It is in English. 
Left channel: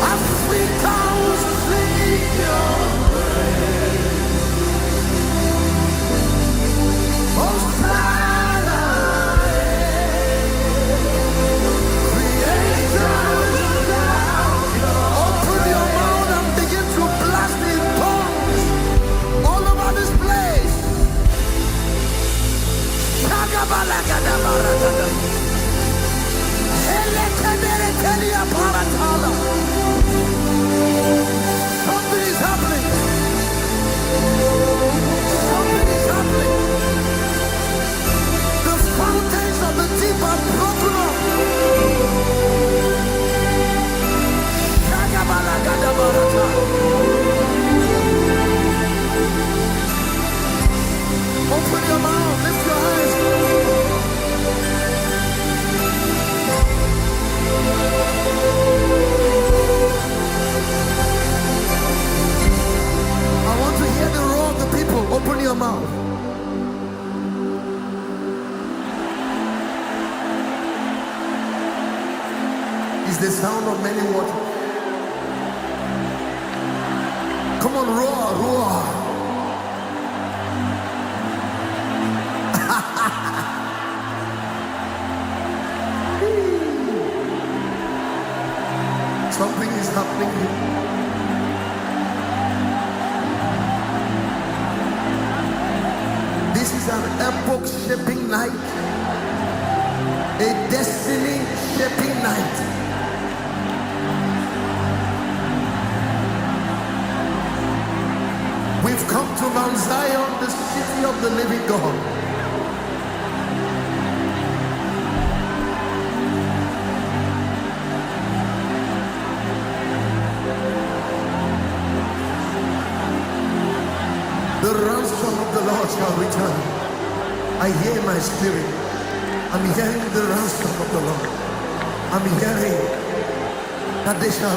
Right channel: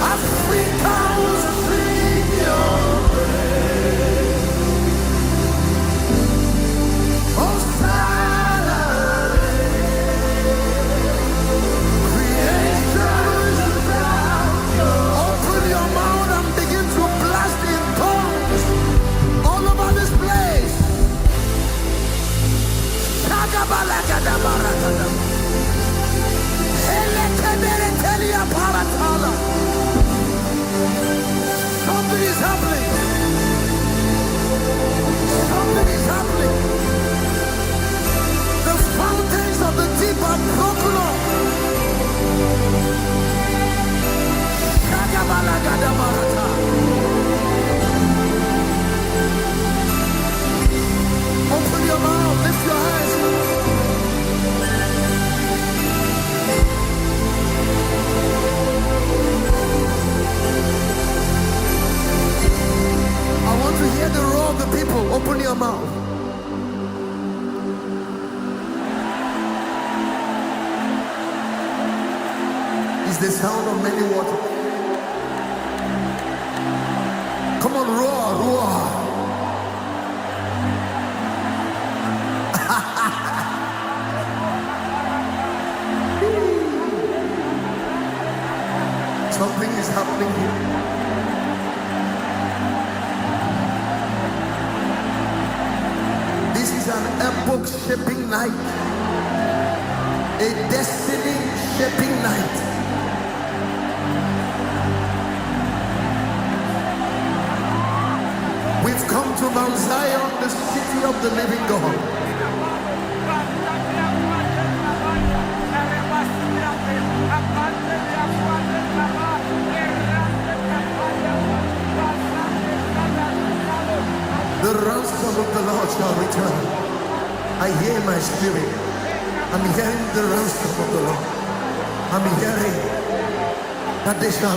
Africans sing your praise. Hosanna, creation will shout your Open your mouth and begin to blast in tongues all over this place. Shagabalagadabaragada. Helekeberetelia paratala. Something is happening. Something is happening. The fountains of the deep are broken up. Shagabalagadabarata. Open your mouth, lift your hands. I want to hear the roar of the people. Open your mouth. It's the sound of many waters. Come on, roar, roar. Something is happening here. This is an epoch-shaping night, a destiny-shaping night. We've come to Mount Zion, the city of the living God. The ransom of the Lord shall return. I hear my spirit. I'm hearing the ransom of the Lord. I'm hearing that they shall